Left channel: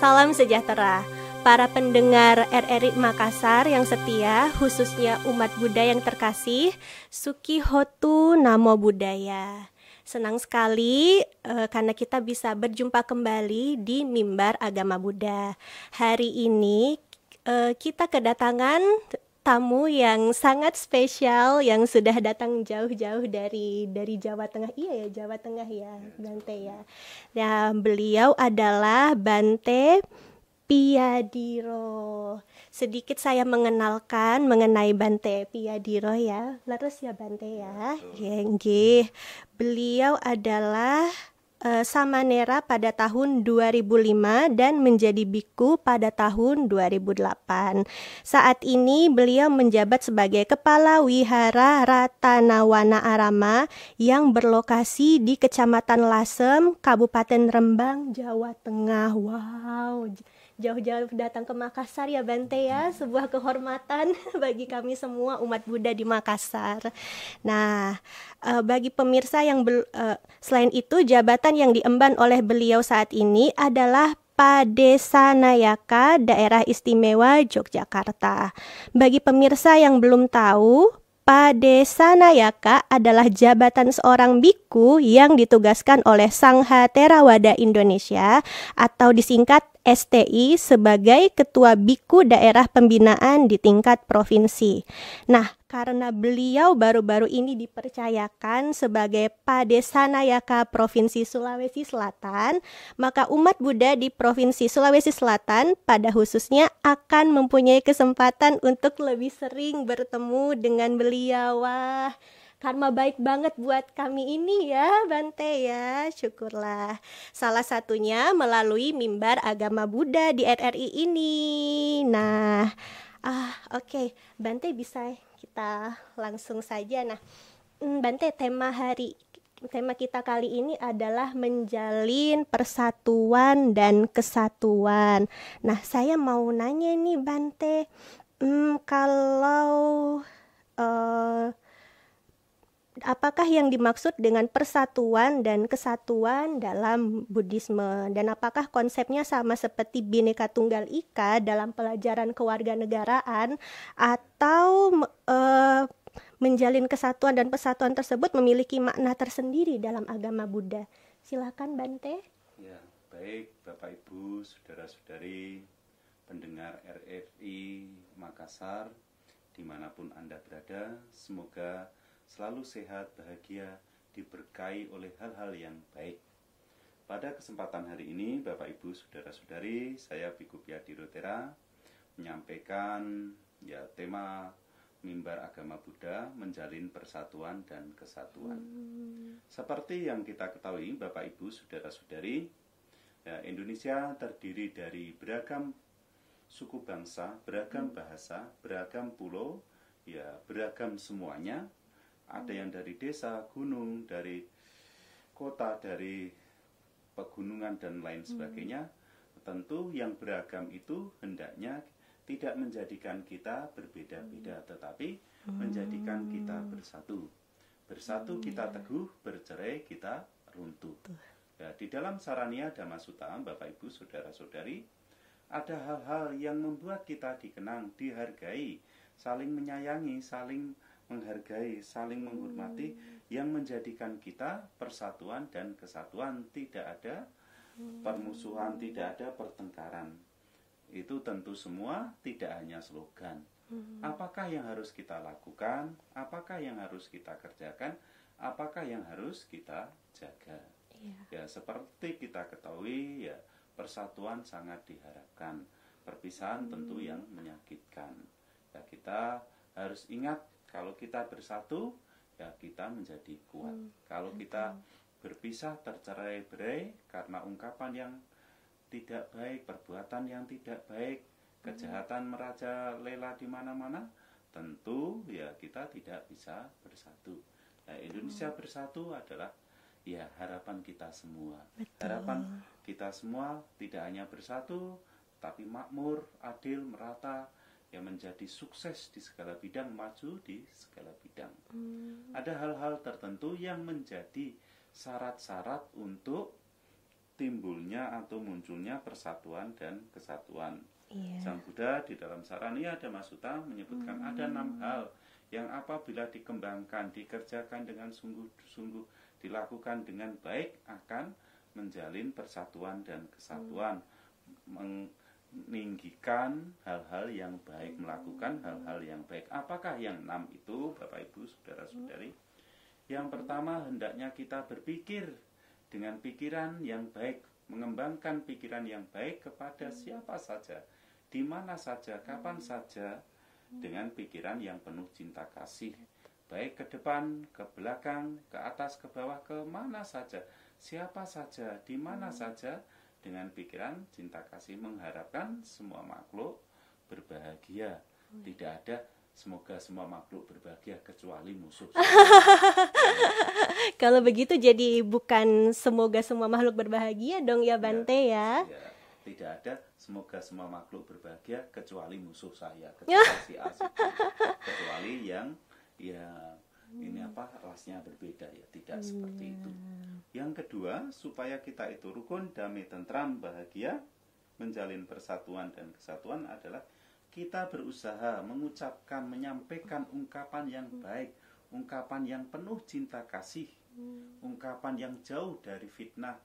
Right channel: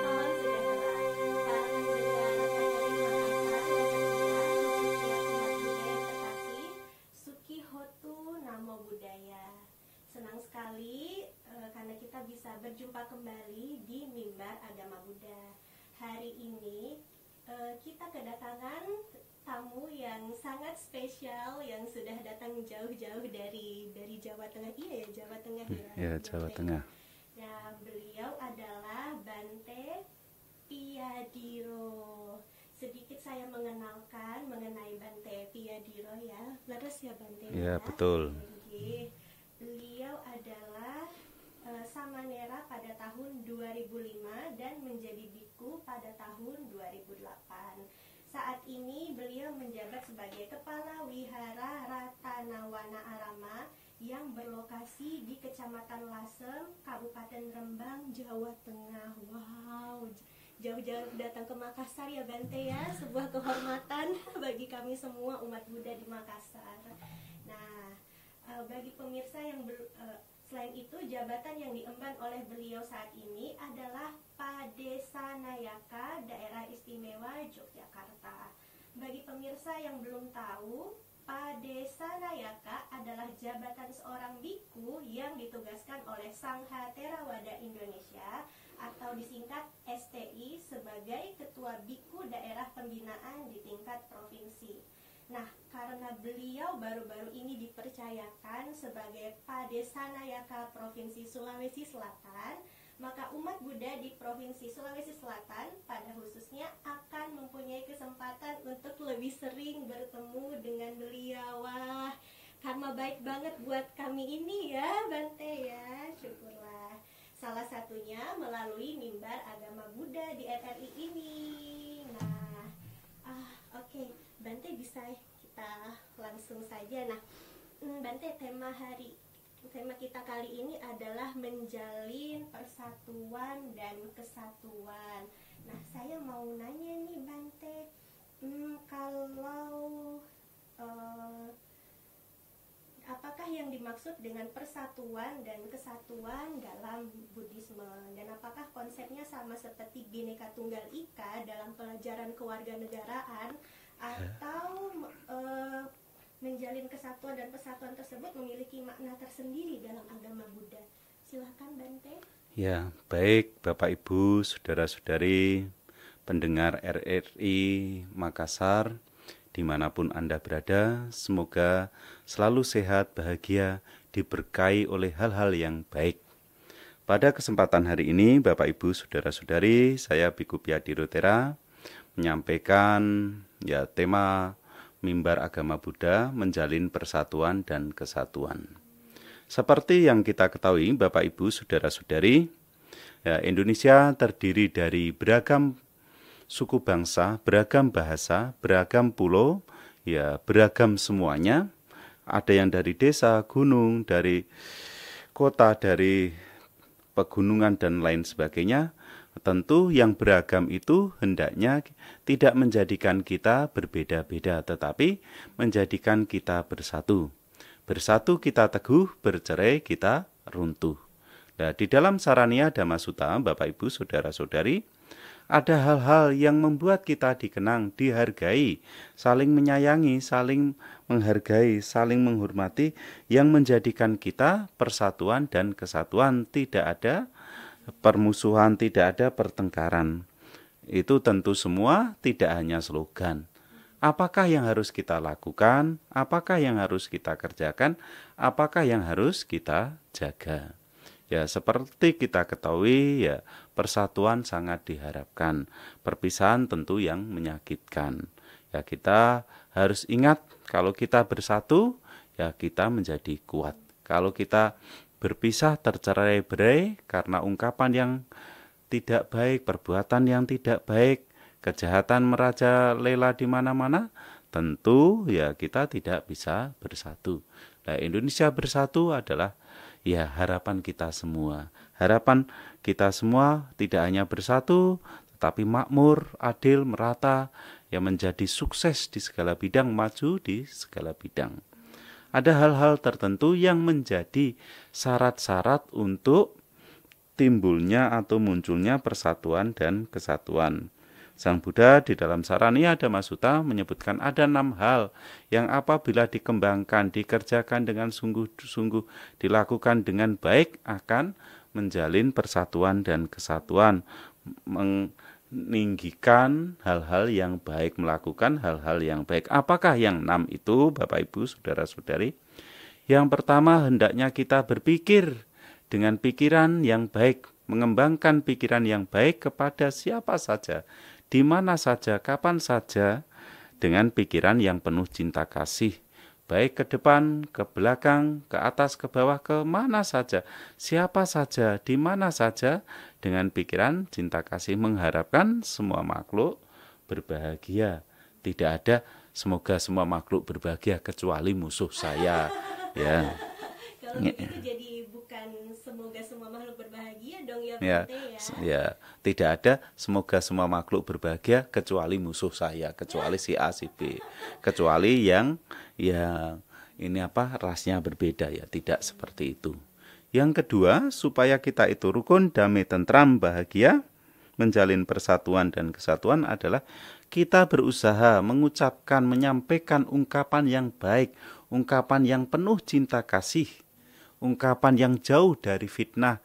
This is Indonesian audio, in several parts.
Salam sejahtera, para pendengar RRI Makassar yang setia, khususnya umat Buddha yang terkasih, Suki Hotu Namo Buddhaya. Senang sekali karena kita bisa berjumpa kembali di Mimbar Agama Buddha. Hari ini kita kedatangan tamu yang sangat spesial yang sudah datang jauh-jauh dari Jawa Tengah. Iya ya, Jawa Tengah ya, Ya, Jawa Bante ya. Tengah. Nah, beliau adalah Bante Piyadiro. Sedikit saya mengenalkan mengenai Bante Piyadiro ya. Leres ya Bante Ya, ya. betul. Nggih. Beliau adalah Samanera pada tahun 2005 dan menjadi biku pada tahun 2008. Saat ini beliau menjabat sebagai Kepala Wihara Ratanawana Arama yang berlokasi di Kecamatan Lasem, Kabupaten Rembang, Jawa Tengah. Wow, jauh-jauh datang ke Makassar ya Bante ya, sebuah kehormatan bagi kami semua umat Buddha di Makassar. Nah, bagi pemirsa yang selain itu, jabatan yang diemban oleh beliau saat ini adalah Padesanayaka Daerah Istimewa Yogyakarta. Bagi pemirsa yang belum tahu, Padesanayaka adalah jabatan seorang biku yang ditugaskan oleh Sangha Theravada Indonesia atau disingkat STI sebagai Ketua Biku Daerah Pembinaan di tingkat provinsi. Nah, karena beliau baru-baru ini dipercayakan sebagai Padesanayaka Provinsi Sulawesi Selatan, maka umat Buddha di Provinsi Sulawesi Selatan pada khususnya akan mempunyai kesempatan untuk lebih sering bertemu dengan beliau. Wah, karma baik banget buat kami ini ya Bante ya, syukurlah. Salah satunya melalui Mimbar Agama Buddha di RRI ini. Nah, oke. Bante bisa kita langsung saja. Nah, Bante, tema kita kali ini adalah menjalin persatuan dan kesatuan. Nah, saya mau nanya nih Bante, kalau apakah yang dimaksud dengan persatuan dan kesatuan dalam Buddhisme? Dan apakah konsepnya sama seperti Bhinneka Tunggal Ika dalam pelajaran kewarganegaraan atau menjalin kesatuan dan persatuan tersebut memiliki makna tersendiri dalam agama Buddha? Silakan Bante. Ya, baik Bapak Ibu, saudara-saudari, pendengar RRI Makassar, dimanapun Anda berada, semoga selalu sehat, bahagia, diberkahi oleh hal-hal yang baik. Pada kesempatan hari ini, Bapak Ibu, saudara-saudari, saya Biku Piyadiro Tera menyampaikan tema Mimbar Agama Buddha, menjalin persatuan dan kesatuan. Seperti yang kita ketahui, Bapak Ibu, saudara-saudari, Indonesia terdiri dari beragam suku bangsa, beragam bahasa, beragam pulau, beragam semuanya. Ada yang dari desa, gunung, dari kota, dari pegunungan dan lain sebagainya. Tentu yang beragam itu hendaknya tidak menjadikan kita berbeda-beda, tetapi menjadikan kita bersatu. Bersatu kita teguh, bercerai kita runtuh. Nah, di dalam Saraniya Dhammasutta, Bapak Ibu, saudara-saudari, ada hal-hal yang membuat kita dikenang, dihargai, saling menyayangi, saling menghargai, saling menghormati, yang menjadikan kita persatuan dan kesatuan, tidak ada permusuhan, tidak ada pertengkaran. Itu tentu semua tidak hanya slogan. Apakah yang harus kita lakukan? Apakah yang harus kita kerjakan? Apakah yang harus kita jaga? Ya, seperti kita ketahui, persatuan sangat diharapkan. Perpisahan tentu yang menyakitkan. Ya, kita harus ingat kalau kita bersatu, ya kita menjadi kuat. Kalau kita berpisah, tercerai-berai karena ungkapan yang tidak baik, perbuatan yang tidak baik, kejahatan merajalela di mana-mana, tentu ya kita tidak bisa bersatu. Nah, Indonesia bersatu adalah harapan kita semua. Harapan kita semua tidak hanya bersatu, tetapi makmur, adil, merata, yang menjadi sukses di segala bidang, maju di segala bidang. Ada hal-hal tertentu yang menjadi syarat-syarat untuk timbulnya atau munculnya persatuan dan kesatuan. Sang Buddha di dalam Saraniya Dhamma Sutta menyebutkan ada 6 hal yang apabila dikembangkan, dikerjakan dengan sungguh-sungguh, dilakukan dengan baik akan menjalin persatuan dan kesatuan, meninggikan hal-hal yang baik, melakukan hal-hal yang baik. Apakah yang 6 itu, Bapak Ibu, Saudara-saudari? Yang pertama, hendaknya kita berpikir dengan pikiran yang baik, mengembangkan pikiran yang baik kepada siapa saja, di mana saja, kapan saja, dengan pikiran yang penuh cinta kasih, baik ke depan, ke belakang, ke atas, ke bawah, ke mana saja, siapa saja, di mana saja, dengan pikiran cinta kasih, mengharapkan semua makhluk berbahagia. Tidak ada semoga semua makhluk berbahagia kecuali musuh saya. Ya. Kalau begitu jadi bukan semoga semua makhluk berbahagia dong ya Bante ya. Ya, tidak ada semoga semua makhluk berbahagia kecuali musuh saya, kecuali si A si B, kecuali yang ini rasnya berbeda ya, tidak seperti itu. Yang kedua, supaya kita itu rukun, damai, tentram, bahagia, menjalin persatuan dan kesatuan adalah kita berusaha mengucapkan, menyampaikan ungkapan yang baik, ungkapan yang penuh cinta kasih, ungkapan yang jauh dari fitnah,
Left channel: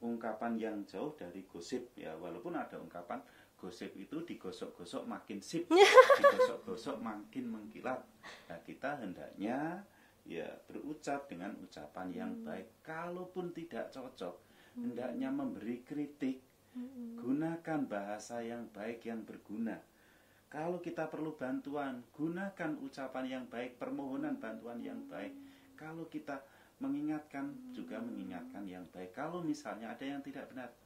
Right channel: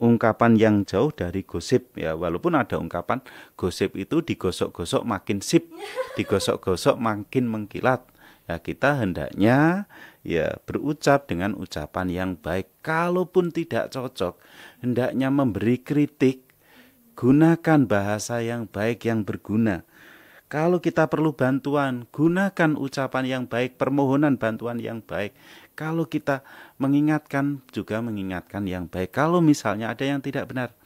ungkapan yang jauh dari gosip ya. Walaupun ada ungkapan gosip itu digosok-gosok makin sip, digosok-gosok makin mengkilat. Ya, kita hendaknya ya berucap dengan ucapan yang baik. Kalaupun tidak cocok, hendaknya memberi kritik, gunakan bahasa yang baik yang berguna. Kalau kita perlu bantuan, gunakan ucapan yang baik, permohonan bantuan yang baik. Kalau kita mengingatkan, juga mengingatkan yang baik. Kalau misalnya ada yang tidak benar,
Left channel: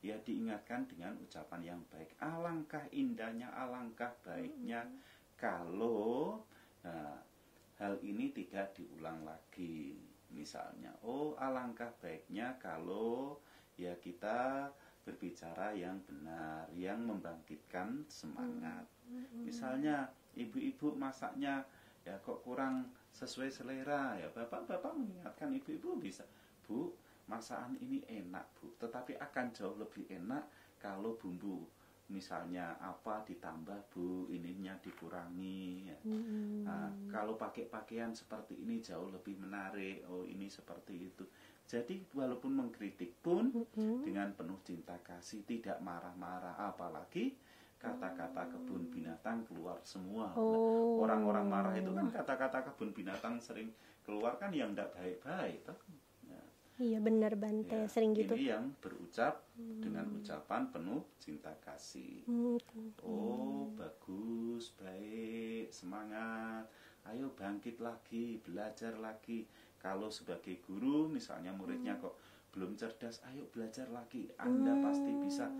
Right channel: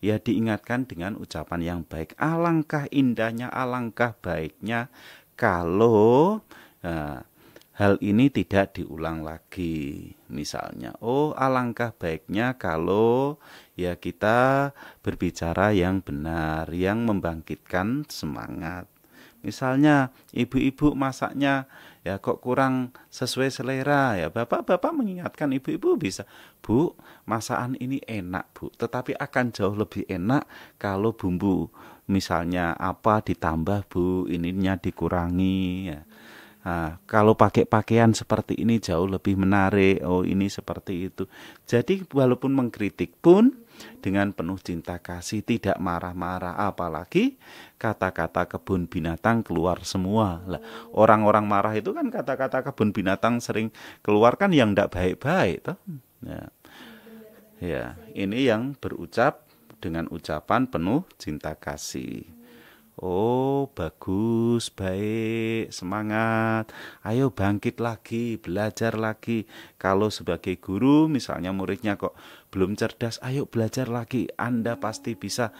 ya diingatkan dengan ucapan yang baik. Alangkah indahnya, alangkah baiknya kalau hal ini tidak diulang lagi. Misalnya, alangkah baiknya kalau ya kita berbicara yang benar, yang membangkitkan semangat. Misalnya ibu-ibu masaknya ya kok kurang sesuai selera ya, bapak-bapak mengingatkan ibu-ibu bisa, Bu, masakan ini enak Bu, tetapi akan jauh lebih enak kalau bumbu misalnya apa ditambah Bu, ininya dikurangi ya. Nah, kalau pakai pakaian seperti ini jauh lebih menarik. Ini seperti itu. Jadi walaupun mengkritik pun dengan penuh cinta kasih, tidak marah-marah. Apalagi kata-kata kebun binatang keluar semua. Orang-orang marah itu kan kata-kata kebun binatang sering keluar kan yang tidak baik-baik. Ya. Iya benar Bante. Ya, ini yang berucap dengan ucapan penuh cinta kasih. Bagus, baik, semangat. Ayo bangkit lagi, belajar lagi. Kalau sebagai guru, misalnya muridnya kok belum cerdas, ayo belajar lagi. Anda pasti bisa.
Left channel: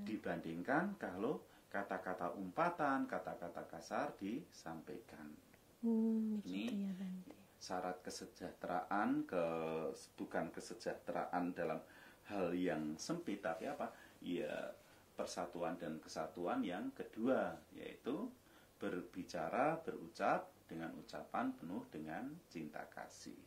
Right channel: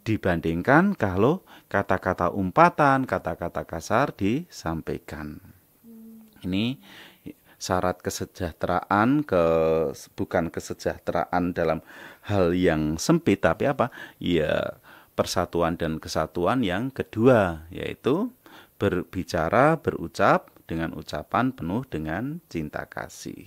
Dibandingkan kalau kata-kata umpatan, kata-kata kasar disampaikan. Ini syarat kesejahteraan, bukan kesejahteraan dalam hal yang sempit, tapi apa? Ya, persatuan dan kesatuan yang kedua, yaitu berbicara, berucap dengan ucapan penuh dengan cinta kasih.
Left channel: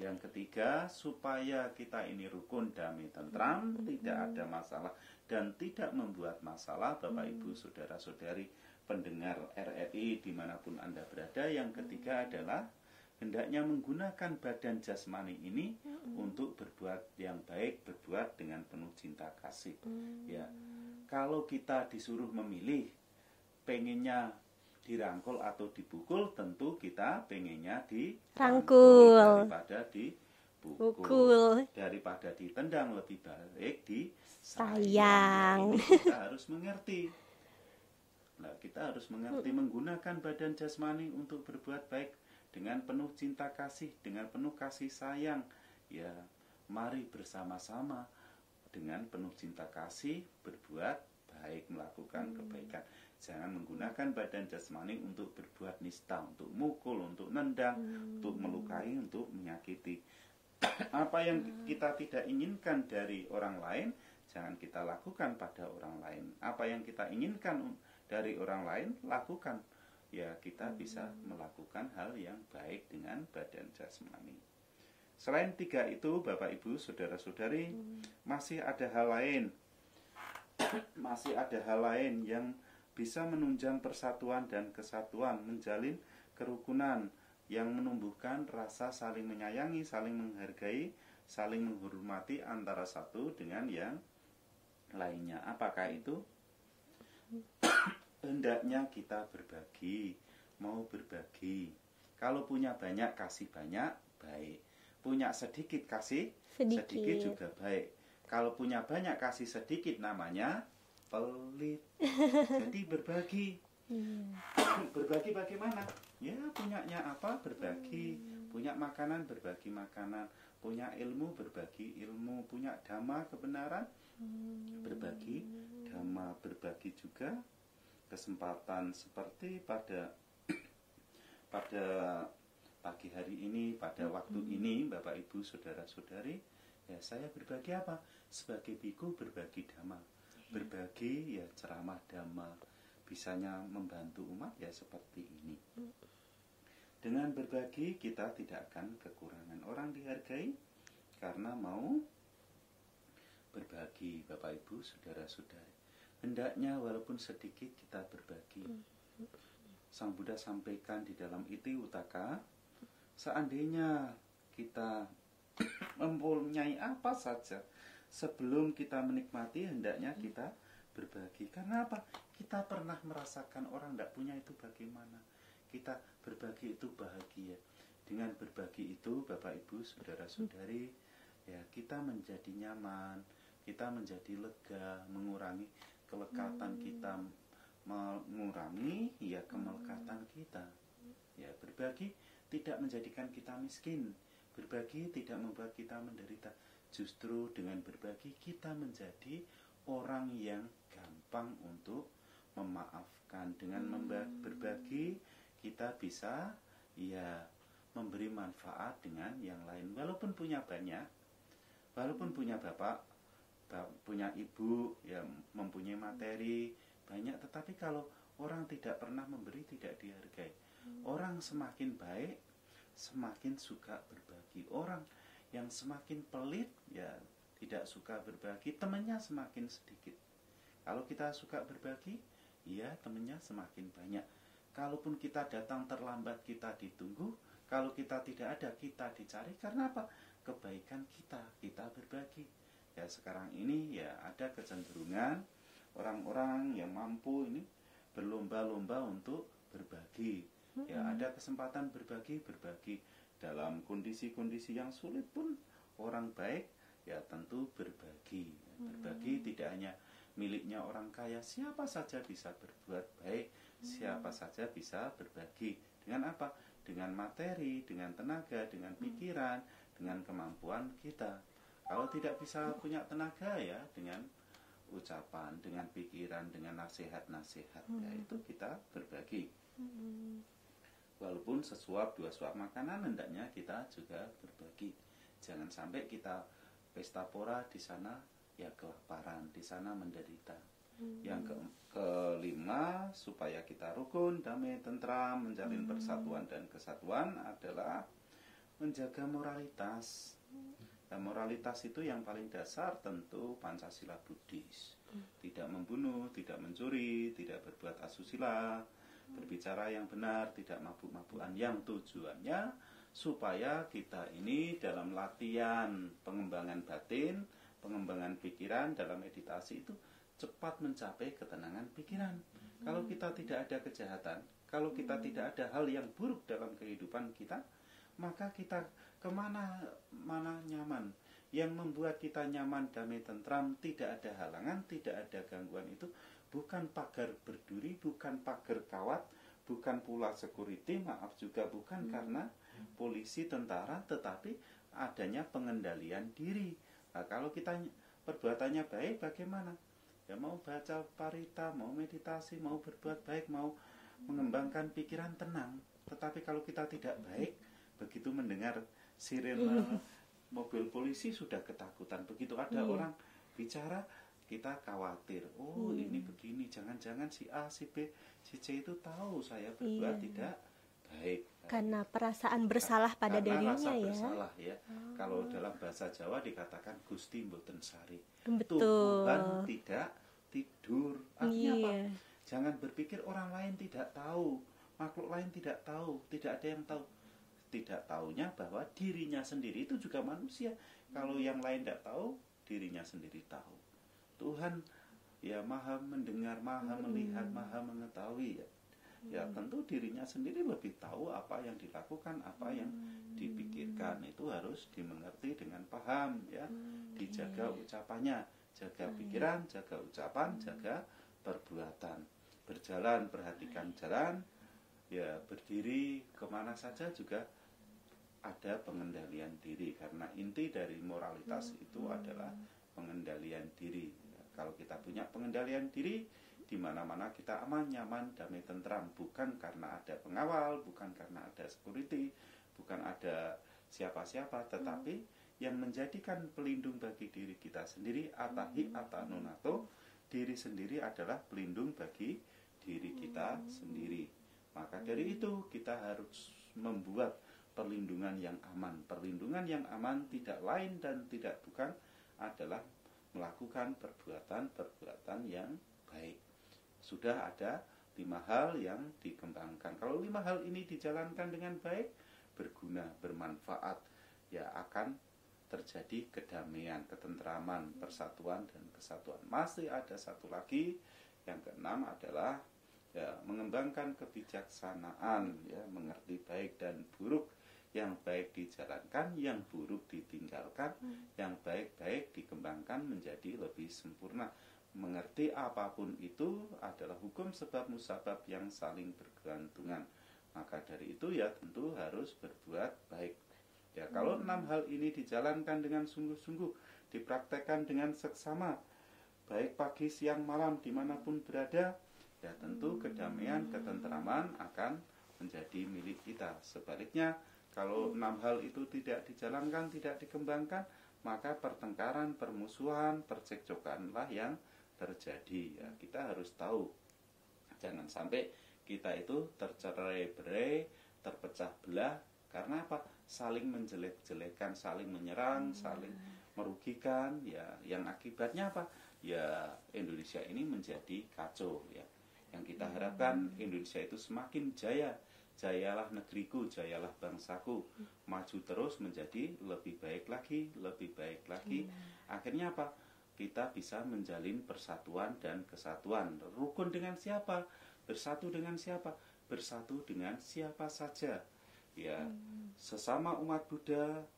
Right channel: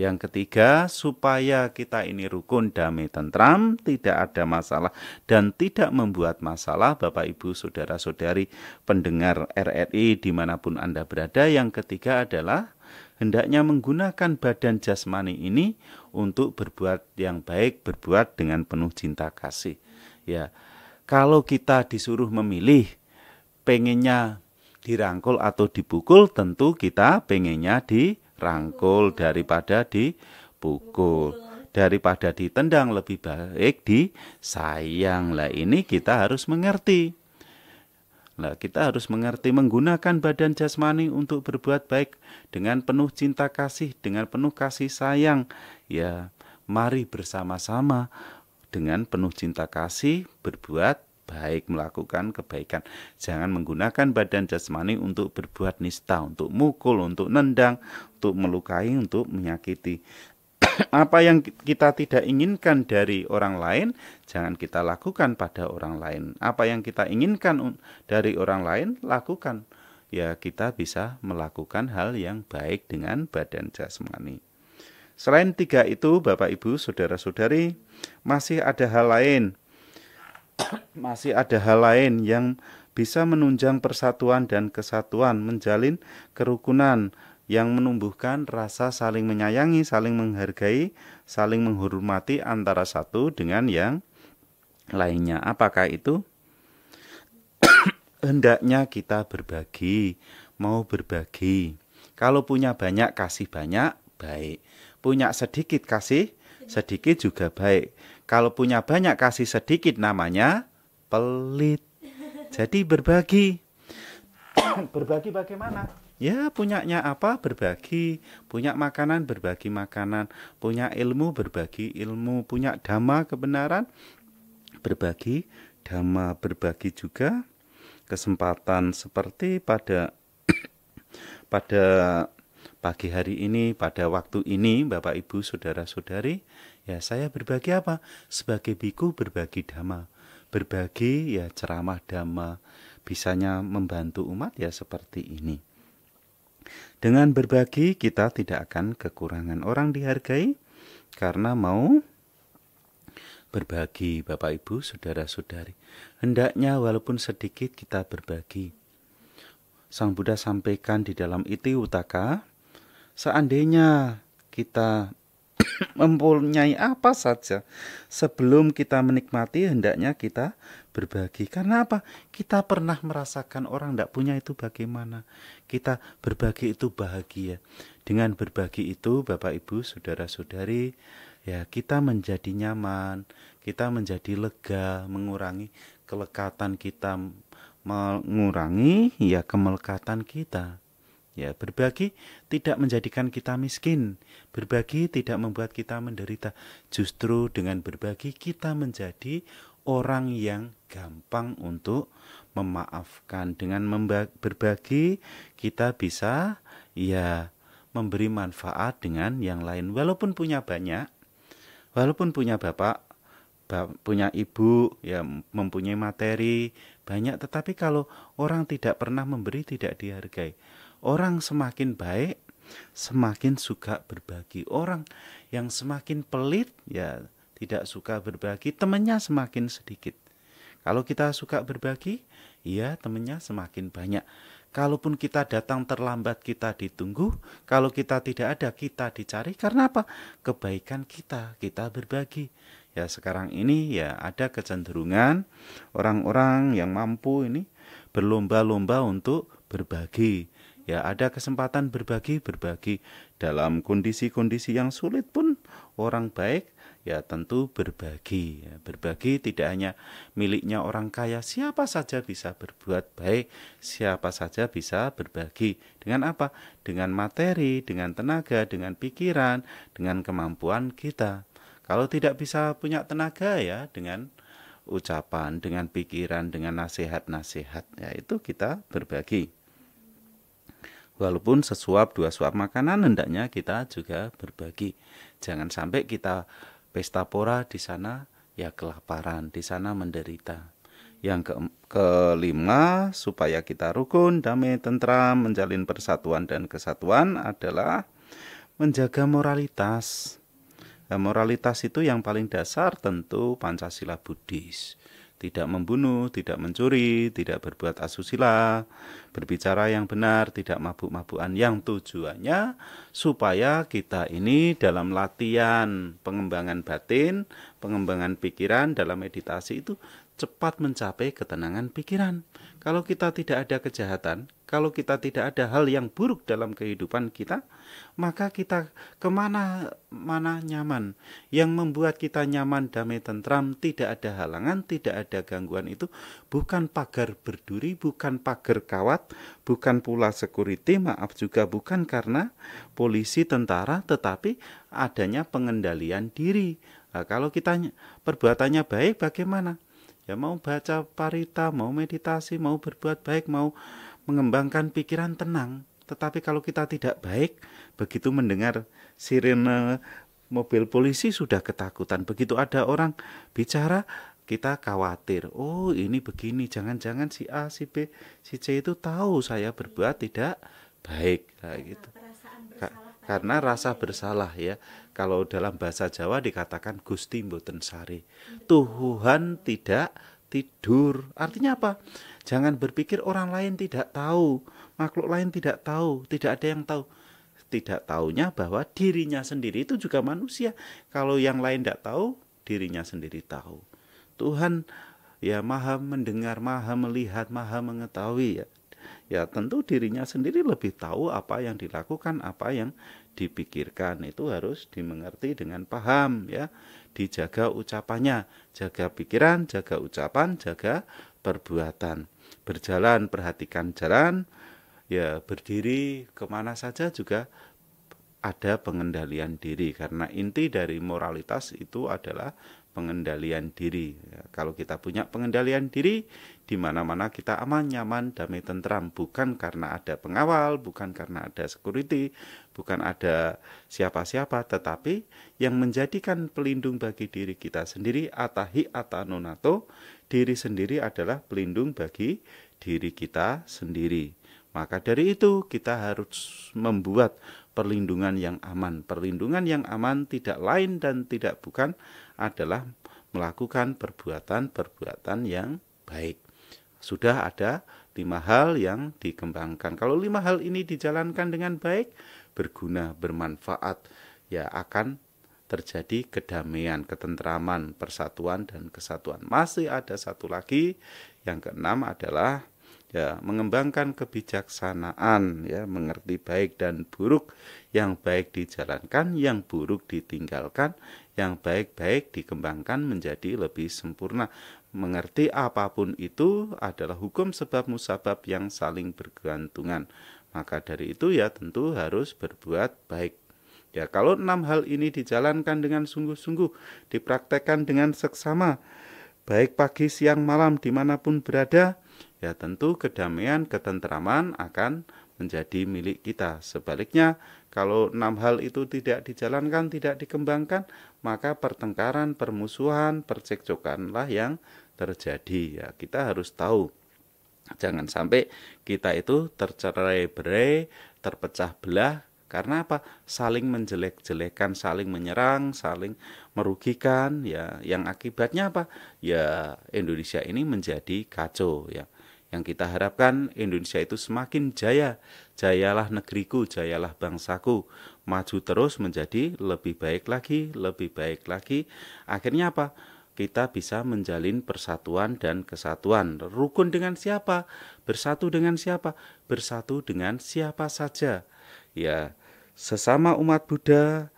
Yang ketiga, supaya kita ini rukun, damai, tentram, tidak ada masalah dan tidak membuat masalah, Bapak, Ibu, Saudara-saudari, pendengar RRI dimanapun Anda berada. Yang ketiga adalah hendaknya menggunakan badan jasmani ini untuk berbuat yang baik, berbuat dengan penuh cinta kasih. Ya, kalau kita disuruh memilih, pengennya dirangkul atau dipukul, tentu kita pengennya dirangkul daripada dipukul. Daripada ditendang lebih baik disayang. Lah ini kita harus mengerti. Kita harus mengerti menggunakan badan jasmani untuk berbuat baik dengan penuh cinta kasih, dengan penuh kasih sayang. Ya, mari bersama-sama dengan penuh cinta kasih berbuat baik, melakukan kebaikan. Jangan menggunakan badan jasmani untuk berbuat nista, untuk mukul, untuk nendang, untuk melukai, untuk menyakiti. Apa yang kita tidak inginkan dari orang lain, jangan kita lakukan pada orang lain. Apa yang kita inginkan dari orang lain, lakukan. Ya, kita bisa melakukan hal yang baik dengan badan jasmani. Selain tiga itu, Bapak, Ibu, Saudara-saudari, Masih ada hal lain, masih ada hal lain yang bisa menunjang persatuan dan kesatuan, menjalin kerukunan yang menumbuhkan rasa saling menyayangi, saling menghargai, saling menghormati antara satu dengan yang lainnya. Apakah itu? Hendaknya kita berbagi, mau berbagi. Kalau punya banyak, kasih banyak, baik. Punya sedikit, kasih sedikit juga baik. Kalau punya banyak, kasih sedikit, namanya pelit. Jadi berbagi. Berbagi bagaimana? Ya, punyanya apa? Berbagi. Punya makanan, berbagi makanan. Punya ilmu, berbagi ilmu. Punya dhamma, kebenaran, berbagi dhamma. Berbagi juga kesempatan seperti pada pagi hari ini, pada waktu ini, Bapak Ibu Saudara-saudari, ya saya berbagi apa? Sebagai biku berbagi dhamma. Berbagi ya ceramah dhamma, bisanya membantu umat ya seperti ini. Dengan berbagi kita tidak akan kekurangan. Orang dihargai karena mau berbagi, Bapak Ibu Saudara-saudari. Hendaknya walaupun sedikit kita berbagi. Sang Buddha sampaikan di dalam Iti Uttaka, seandainya kita mempunyai apa saja, sebelum kita menikmati hendaknya kita berbagi. Karena apa? Kita pernah merasakan orang tidak punya itu bagaimana. Kita berbagi itu bahagia. Dengan berbagi itu Bapak Ibu Saudara-saudari, ya kita menjadi nyaman, kita menjadi lega, mengurangi kelekatan kita, mengurangi ya kemelekatan kita. Ya, berbagi tidak menjadikan kita miskin. Berbagi tidak membuat kita menderita. Justru dengan berbagi kita menjadi orang yang gampang untuk memaafkan. Dengan berbagi kita bisa ya memberi manfaat dengan yang lain. Walaupun punya banyak, walaupun punya bapak, punya ibu, ya mempunyai materi banyak, tetapi kalau orang tidak pernah memberi tidak dihargai. Orang semakin baik, semakin suka berbagi. Orang yang semakin pelit, ya tidak suka berbagi, temannya semakin sedikit. Kalau kita suka berbagi, ya temannya semakin banyak. Kalaupun kita datang terlambat, kita ditunggu. Kalau kita tidak ada, kita dicari. Karena apa? Kebaikan kita berbagi. Ya sekarang ini ya ada kecenderungan orang-orang yang mampu ini berlomba-lomba untuk berbagi. Ya ada kesempatan berbagi dalam kondisi-kondisi yang sulit pun orang baik ya tentu berbagi. Ya, berbagi tidak hanya miliknya orang kaya, siapa saja bisa berbuat baik, siapa saja bisa berbagi. Dengan apa? Dengan materi, dengan tenaga, dengan pikiran, dengan kemampuan kita. Kalau tidak bisa punya tenaga ya dengan ucapan, dengan pikiran, dengan nasihat-nasihat, ya itu kita berbagi. Walaupun sesuap dua suap makanan hendaknya kita juga berbagi. Jangan sampai kita pesta pora di sana ya kelaparan, di sana menderita. Yang kelima, supaya kita rukun, damai, tentram, menjalin persatuan dan kesatuan adalah menjaga moralitas. Nah, moralitas itu yang paling dasar tentu Pancasila Buddhis. Tidak membunuh, tidak mencuri, tidak berbuat asusila, berbicara yang benar, tidak mabuk-mabukan, yang tujuannya supaya kita ini dalam latihan pengembangan batin, pengembangan pikiran dalam meditasi itu cepat mencapai ketenangan pikiran. Kalau kita tidak ada kejahatan, kalau kita tidak ada hal yang buruk dalam kehidupan kita, maka kita kemana-mana nyaman. Yang membuat kita nyaman, damai, tentram, tidak ada halangan, tidak ada gangguan itu bukan pagar berduri, bukan pagar kawat, bukan pula security, maaf juga bukan karena polisi, tentara, tetapi adanya pengendalian diri. Nah, kalau kita perbuatannya baik bagaimana? Ya mau baca parita, mau meditasi, mau berbuat baik, mau mengembangkan pikiran, tenang. Tetapi kalau kita tidak baik, begitu mendengar sirene mobil polisi sudah ketakutan. Begitu ada orang bicara, kita khawatir. Oh ini begini, jangan-jangan si A, si B, si C itu tahu saya berbuat tidak baik. Nah, Karena gitu. perasaan bersalah pada Karena dirinya rasa ya. bersalah ya. Kalau dalam bahasa Jawa dikatakan Gusti mboten sare. Tuhan Betul. tidak tidur. Artinya apa? Iya. Jangan berpikir orang lain tidak tahu, makhluk lain tidak tahu, tidak ada yang tahu. Tidak taunya bahwa dirinya sendiri itu juga manusia. Kalau yang lain tidak tahu, dirinya sendiri tahu. Tuhan ya maha mendengar, maha melihat, maha mengetahui ya. Ya tentu dirinya sendiri lebih tahu apa yang dilakukan, apa yang dipikirkan. Itu harus dimengerti dengan paham ya. Dijaga ucapannya, jaga pikiran, jaga ucapan, jaga perbuatan. Berjalan, perhatikan jalan, ya berdiri kemana saja juga ada pengendalian diri, karena inti dari moralitas itu adalah pengendalian diri. Ya, kalau kita punya pengendalian diri, di mana-mana kita aman, nyaman, damai, tentram, bukan karena ada pengawal, bukan karena ada security, bukan ada siapa-siapa, tetapi yang menjadikan pelindung bagi diri kita sendiri, atahi atanonato, diri sendiri adalah pelindung bagi diri kita sendiri. Maka dari itu kita harus membuat perlindungan yang aman. Perlindungan yang aman tidak lain dan tidak bukan adalah melakukan perbuatan-perbuatan yang baik. Sudah ada 5 hal yang dikembangkan. Kalau 5 hal ini dijalankan dengan baik, berguna, bermanfaat, ya akan terjadi kedamaian, ketentraman, persatuan, dan kesatuan. Masih ada satu lagi, yang keenam adalah ya mengembangkan kebijaksanaan, ya mengerti baik dan buruk, yang baik dijalankan, yang buruk ditinggalkan, yang baik-baik dikembangkan menjadi lebih sempurna. Mengerti apapun itu adalah hukum sebab musabab yang saling bergantungan. Maka dari itu ya tentu harus berbuat baik. Ya kalau 6 hal ini dijalankan dengan sungguh-sungguh, dipraktekkan dengan seksama, baik pagi, siang, malam, dimanapun berada, ya tentu kedamaian, ketentraman akan menjadi milik kita. Sebaliknya, kalau 6 hal itu tidak dijalankan, tidak dikembangkan, maka pertengkaran, permusuhan, percekcokanlah yang terjadi. Ya, kita harus tahu, jangan sampai kita itu tercerai-berai, terpecah belah, karena apa? Saling menjelek-jelekan, saling menyerang, saling merugikan, ya yang akibatnya apa? Ya Indonesia ini menjadi kacau ya. Yang kita harapkan Indonesia itu semakin jaya. Jayalah negeriku, jayalah bangsaku. Maju terus menjadi lebih baik lagi, lebih baik lagi. Akhirnya apa? Kita bisa menjalin persatuan dan kesatuan. Rukun dengan siapa? Bersatu dengan siapa? Bersatu dengan siapa saja. Ya, sesama umat Buddha,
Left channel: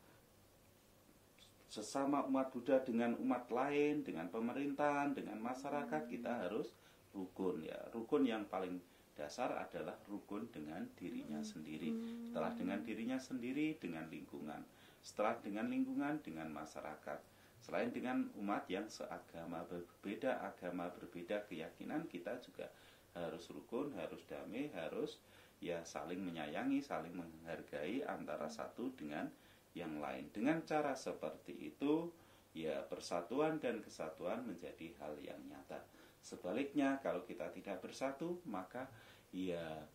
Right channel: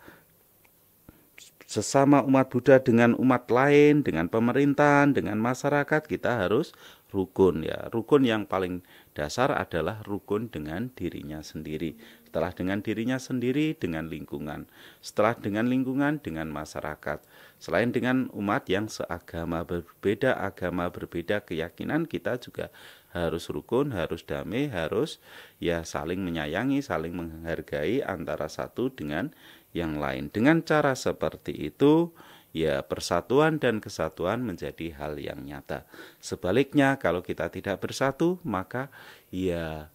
dengan umat lain, dengan pemerintahan, dengan masyarakat, kita harus rukun ya. Rukun yang paling dasar adalah rukun dengan dirinya sendiri. Setelah dengan dirinya sendiri, dengan lingkungan. Setelah dengan lingkungan, dengan masyarakat. Selain dengan umat yang seagama, berbeda keyakinan, kita juga harus rukun, harus damai, harus ya saling menyayangi, saling menghargai antara satu dengan yang lain. Dengan cara seperti itu, ya persatuan dan kesatuan menjadi hal yang nyata. Sebaliknya, kalau kita tidak bersatu, maka ya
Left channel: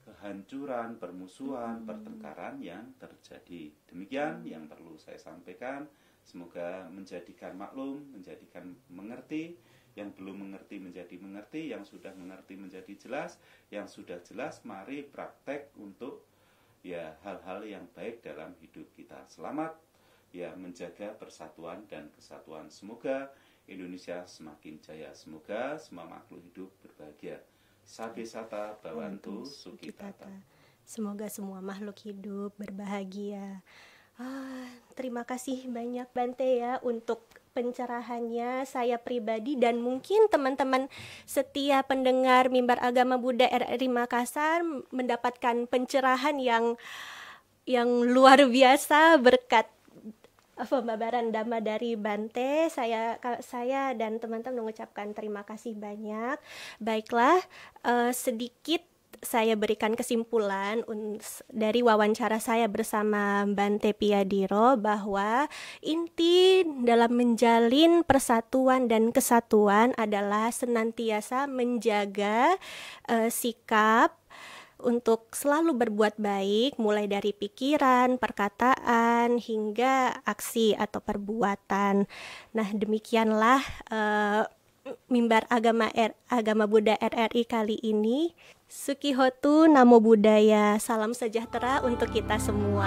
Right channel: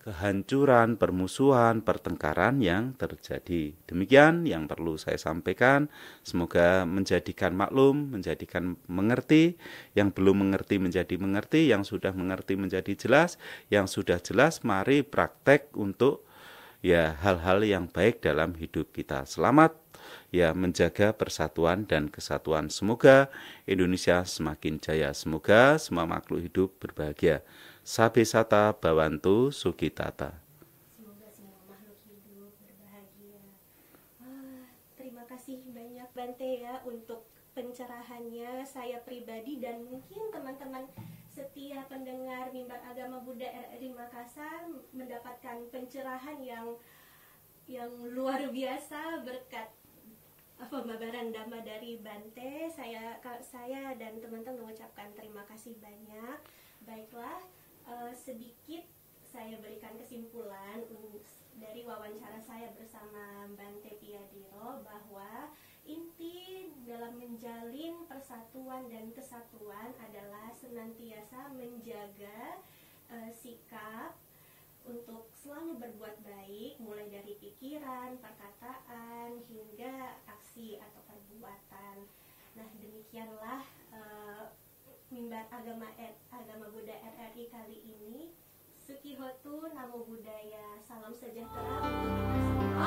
kehancuran, permusuhan, pertengkaran yang terjadi. Demikian yang perlu saya sampaikan. Semoga menjadikan maklum, menjadikan mengerti, yang belum mengerti menjadi mengerti, yang sudah mengerti menjadi jelas, yang sudah jelas mari praktek untuk ya hal-hal yang baik dalam hidup kita. Selamat ya menjaga persatuan dan kesatuan. Semoga Indonesia semakin jaya. Semoga semua makhluk hidup berbahagia. Sabe sata bawantu sukitata. Semoga semua makhluk hidup berbahagia. Terima kasih banyak Bante ya untuk pencerahannya. Saya pribadi dan mungkin teman-teman setia pendengar Mimbar Agama Buddha RRI Makassar mendapatkan pencerahan yang luar biasa berkat pembabaran Dhamma dari Bante. Saya dan teman-teman mengucapkan terima kasih banyak. Baiklah, sedikit saya berikan kesimpulan dari wawancara saya bersama Bante Piyadiro bahwa inti dalam menjalin persatuan dan kesatuan adalah senantiasa menjaga sikap untuk selalu berbuat baik, mulai dari pikiran, perkataan, hingga aksi atau perbuatan. Nah, demikianlah mimbar agama Buddha RRI kali ini. Sukihotu Namo Buddhaya. Salam sejahtera untuk kita semua.